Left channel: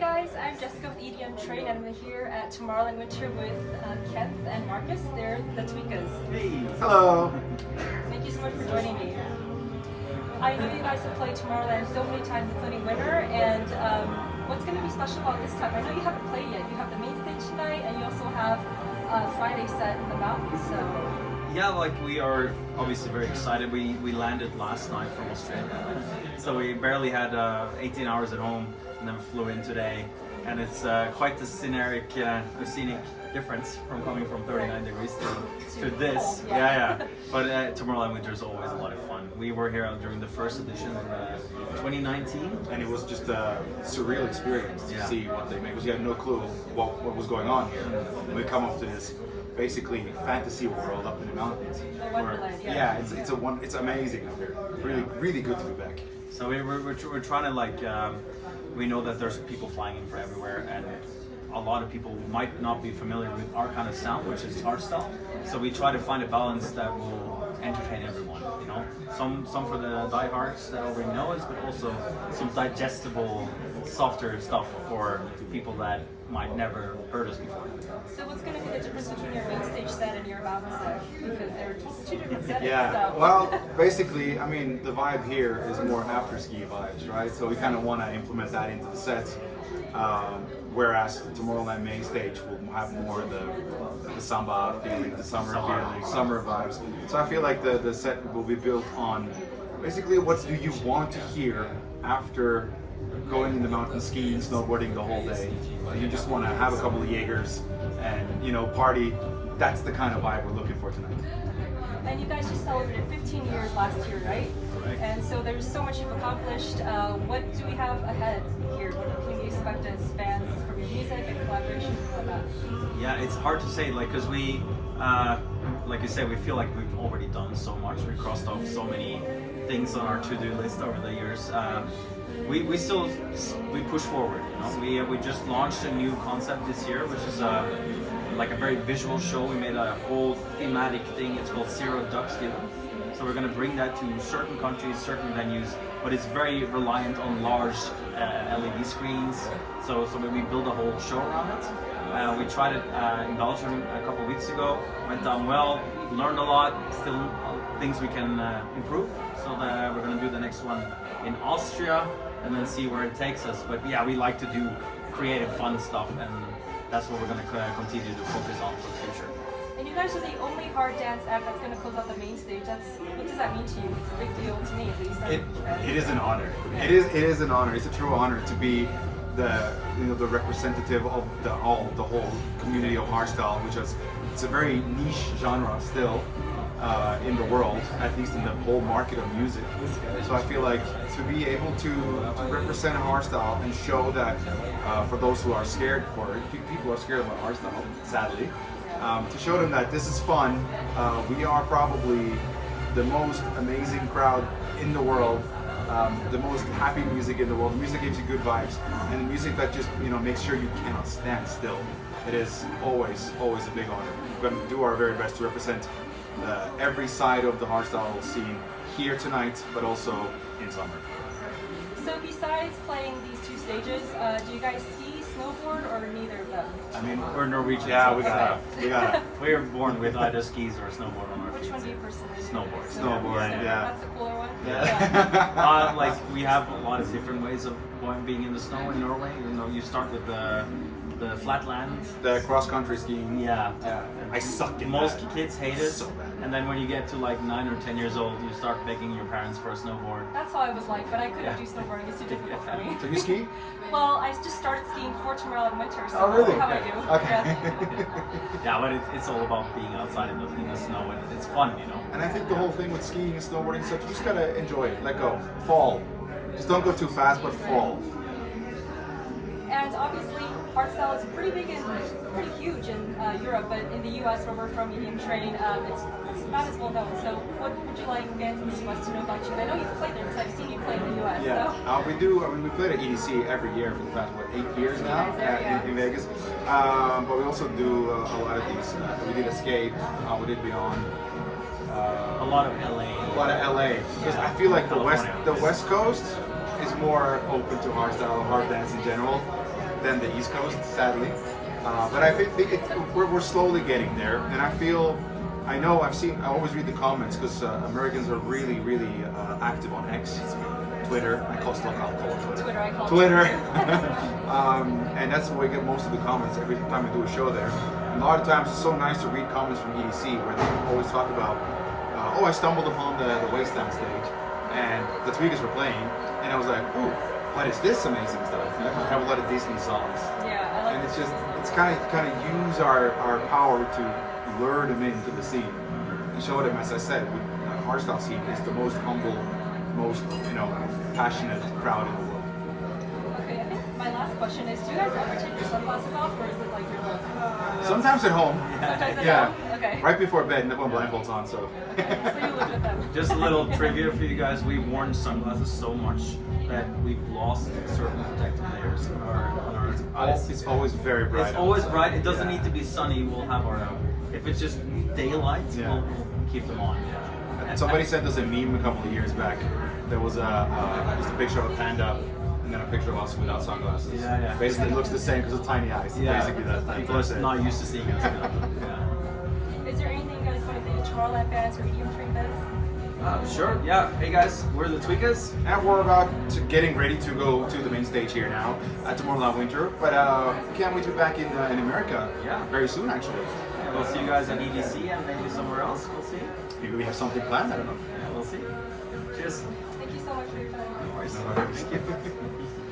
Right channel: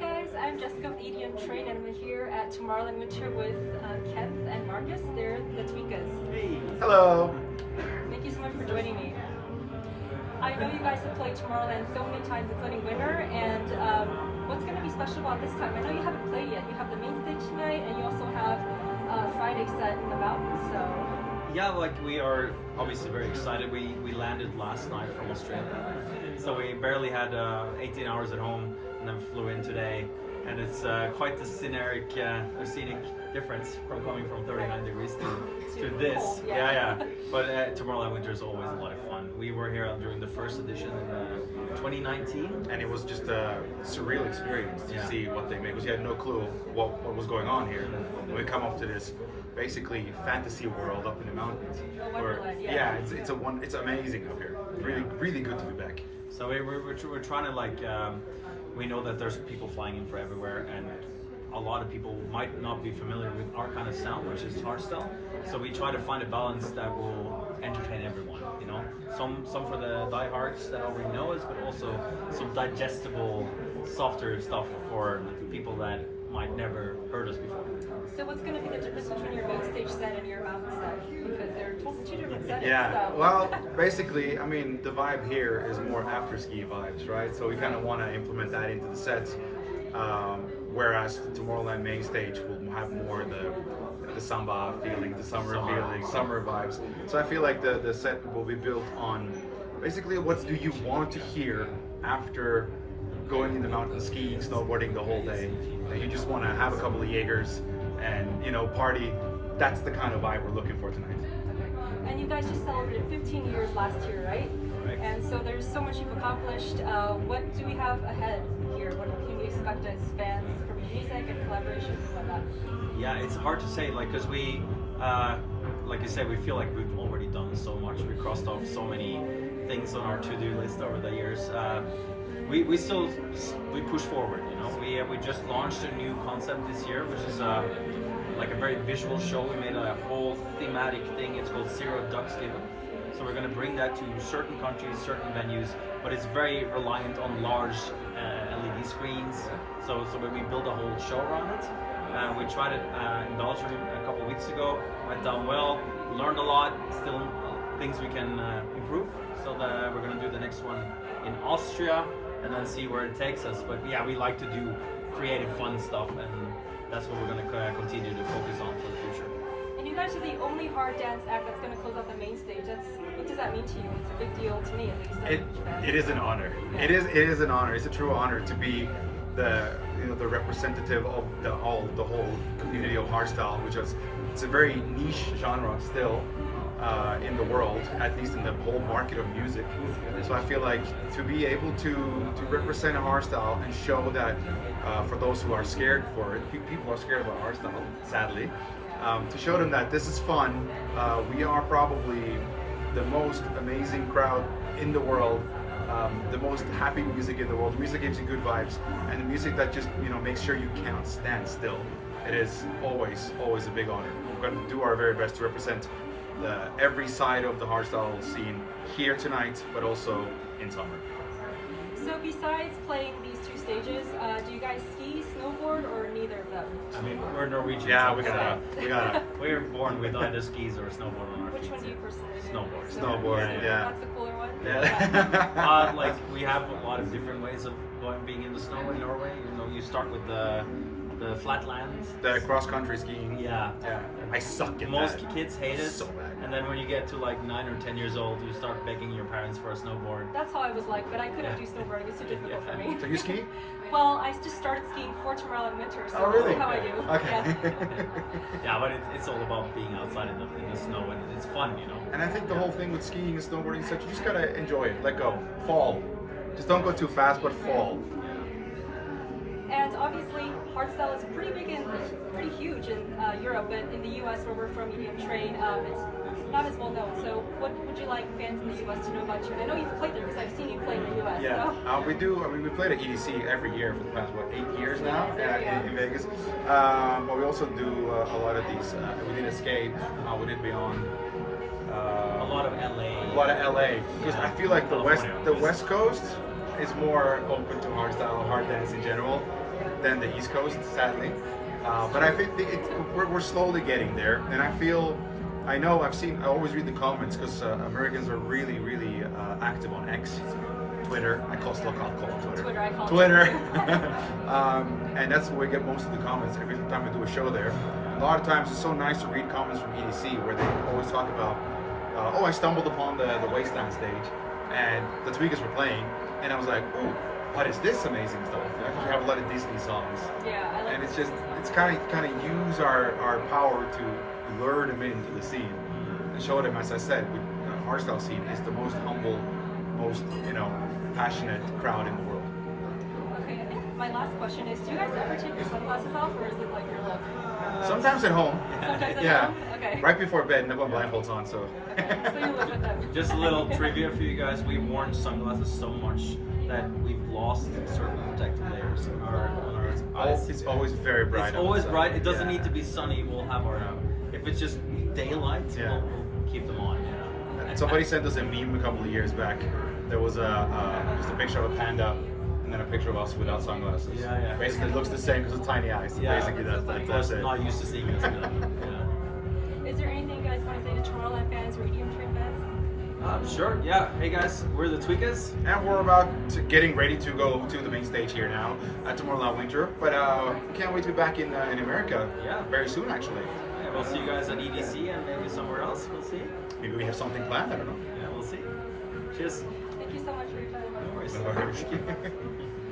guys, I'm Jessica with Edmtrain and I'm here at Tomorrowland Winter with Kent and Marcus. They're the Tweekaz. Hey! Hello! Thank you so much for joining me. I know you guys have played Tomorrowland so many times, including Winter, and what's going to be special about this time? I know you haven't played yet. You have the main stage tonight and you also have Friday set in the mountains, so... Yeah, like we are obviously very excited. We landed last night from Australia, so we barely had 18 hours at home and then flew in today. And it's quite the scenic difference from coming from 39 degrees to this. Cold, yeah. But Tomorrowland Winter is always a lot of fun. We were here during the first edition in 2019. And it was just a surreal experience to see what they make, because you had no clue what was going on here. And we come up to this basically fantasy world up in the mountains. It's amazing up here. Really good to be back. So we're trying to like, we know that there's people flying in from everywhere, and a lot of people might not be familiar with our kind of sound, which is hardstyle. So we try to find a balance that will entertain everyone. You know, some for the diehards that already know us, but also some digestible, softer stuff for people that might never heard us before. So what's going to be the difference between your main stage set and your mountain set? Because they're two different sets. Yeah, so. well, basically, I mean, the vibe here is more after-ski vibes, right? So we kind of want to implement that into the sets, whereas the Tomorrowland main stage will have more the samba feeling, the summer feeling, summer vibes. So I feel like the set will be built on basically what do you want to hear after going in the mountains, skiing, snowboarding the whole day. You just want to have a couple of Jaegers and, you know, party. That's the kind of vibe we're looking for tonight. And you guys just celebrated 15 years last year, right? Correct. And so there's so much you've accomplished. What do we have ahead here? What can we expect as fans from your music and collaborations and whatnot? Yeah, it's hard to say, like, because we, like you said, we feel like we've already done so much. We crossed off so many things on our to-do list over the years. We still push forward. You know, we just launched a new concept this year, which is like a very visual show. We made a whole thematic thing. It's called Zero Ducks Given. So we're going to bring that to certain countries, certain venues, but it's very reliant on large LED screens. So when we build a whole show around it. We tried it in Belgium a couple of weeks ago. Went down well, learned a lot. Still things we can improve. So that we're going to do the next one in Austria and then see where it takes us. But yeah, we like to do creative, fun stuff, and that's what we're going to continue to focus on for the future. And you guys are the only hard dance act that's going to close out the main stage. What does that mean to you? It's a big deal to me, at least. It is an honor. Yeah. It is an honor. It's a true honor to be the representative of the whole community of hardstyle, which is it's a very niche genre still in the world, at least in the whole market of music. So I feel like to be able to represent hardstyle and show that for those who are scared for it, people are scared about hardstyle, sadly, to show them that this is fun. We are probably the most amazing crowd in the world. The most happy music in the world. Music gives you good vibes, and music that just makes sure you cannot stand still. It is always a big honor. We're going to do our very best to represent every side of the hardstyle scene here tonight, but also in summer. So besides playing these two stages, do you guys ski, snowboard, or neither of them? I mean, we're Norwegian. Yeah, so we got it. we were born with either skis or snowboard on our feet. Which one do you personally? Snowboard. Snowboard, yeah. That's the cooler one? Yeah. Like we have a lot of different ways of being in the snow in Norway. You know, you start with the flatland. The cross-country skiing. Yeah. I suck in Most that. kids hate it. So bad. And then when you get to like 9 or 10 years old, you start begging your parents for a snowboard. That's how I was like, but I couldn't do snowboarding. It's too difficult for me. So you ski? Well, I just started skiing for Tomorrowland Winter, so Oh, we'll really? see how I do. Okay. Yeah, but it's all about being outside in the snow, and it's fun, you know. And I think the whole thing with skiing and snowboarding is that you just gotta enjoy it, let go, fall. Just don't go too fast, but fall. And obviously, hardstyle is pretty big and pretty huge in Europe, but in the US, where we're from, Edmtrain, it's not as well known. So, what would you like fans in the US to know about you? And I know you've played there because I've seen you play in the US. Yeah, So. we do. I mean, we played at EDC every year for the past 8 years now in Vegas. But we also do a lot of these. We did Escape. We did Beyond. A lot of LA. A lot of LA. Because I feel like the West Coast is more open to hardstyle, hard dance in general. than the East Coast, sadly. But I think we're slowly getting there, and I know I always read the comments because Americans are really, really active on X, Twitter. I call it Twitter. Twitter, I call it Twitter. And that's where we get most of the comments every time I do a show there. And a lot of times it's so nice to read comments from EDC where they always talk about, oh, I stumbled upon the Wasteland stage and the Tweekaz were playing, and I was like, ooh, what is this amazing stuff? We have a lot of Disney songs. Yeah, I like And it's kind of use our power to lure them into the scene. And show them, as I said, with the hardstyle scene is the most humble, most passionate crowd in the world. Okay, I think my last question is, do you guys ever take your sunglasses off, or is it like your look? Sometimes at home. Sometimes at Yeah. home? Okay. Right before bed, and then when blindfolds on, so. Okay, so you look with them. Just a little trivia for you guys. We've worn sunglasses so much that we've lost certain protective layers on our eyes. It's always very bright. It's always bright. It doesn't Yeah. need to be sunny. We'll have our if it's just daylight, Yeah. we'll keep them on. Yeah. And somebody sent us a meme a couple of years back. There was just a picture of a panda and then a picture of us without sunglasses. Yeah. Basically, it looks the same because of tiny eyes. Yeah, Basically, people that's are it. not used to seeing us. Yeah. Is there anything you guys want to say to Tomorrowland fans or Edmtrain fans? Sure. Yeah. Hey guys, we're the Tweekaz. And we're about getting ready to go to the main stage here now at Tomorrowland Winter. But we can't wait to be back in America Yeah. very soon, actually. Yeah, we'll see you guys on EDC and maybe somewhere else. We'll see. Maybe we have something planned. I don't know. Yeah, we'll see. Cheers. Thank you so much for your time. No worries. No worries. Thank you.